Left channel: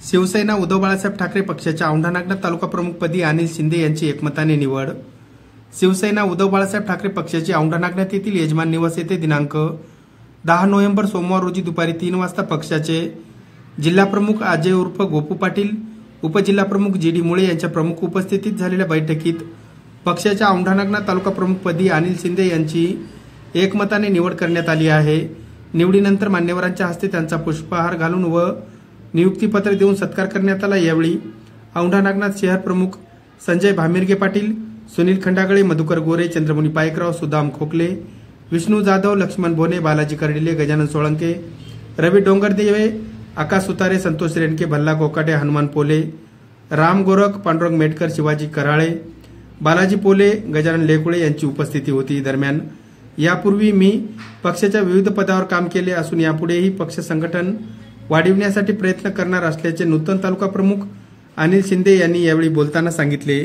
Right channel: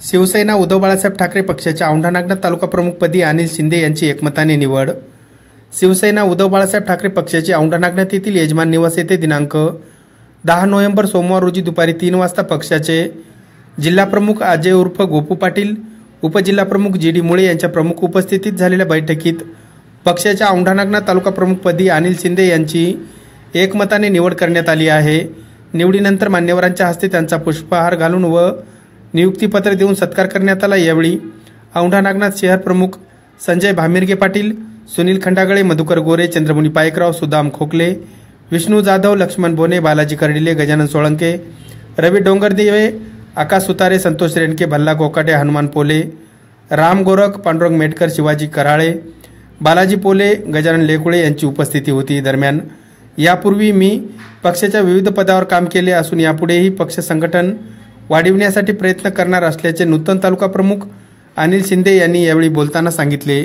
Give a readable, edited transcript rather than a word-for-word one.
शिवसेना उद्धव बाळासाहेब ठाकरे पक्षाच्या औंढा नागनाथ तालुका प्रमुखपदी अनिल शिंदे यांची एकमताने निवड। शिवसेना उद्धव बाळासाहेब ठाकरे पक्षाचे औंढा नागनाथ येथील यजमान निवास येथे दिनांक 10 नोव्हेंबर सोमवार रोजी दुपारी 3 वाजता पक्षाचे जिल्हाप्रमुख अजय उर्फ गोपू पाटील, उपजिल्हाप्रमुख जी.डी. मुळे यांच्या प्रमुख उपस्थितीत झालेल्या बैठकीत पक्षाच्या औंढा नागनाथ तालुका प्रमुखपदी अनिल शिंदे यांची एकमताने निवड करण्यात आली आहे। निवडीनंतर मान्यवरांच्या हस्ते त्यांचा पुष्पहार घालून व नियुक्तीपत्र देऊन सत्कार करण्यात आला। यावेळी औंढा नागनाथ शहर प्रमुख संजय भामिर्गे पाटील, सुनील खंडागळे, मधुकर गोरे, चंद्रमुनी पायकराव, सुदाम खोकले, विष्णू जाधव, लक्ष्मण बोने, बालाजी कर्डिले, गजानन सोळंके, रवी डोंगरदेवे, आकाश सुतारे, संतोष रेणके, भल्ला गोकाटे, हनुमान पोले, राम गोरख, पांडुरंग मेटकर, शिवाजी कराळे, बालाजी पोले, गजानन लेकुळे यांची उपस्थिती होती। दरम्यान यापूर्वी मी पक्षाच्या विविध पदावर काम केले असून यापुढेही पक्ष संघटन वाढविण्यासाठी प्रयत्न करणार असल्याचे नूतन तालुका प्रमुख अनिल शिंदे यांनी यावेळी बोलताना सांगितले।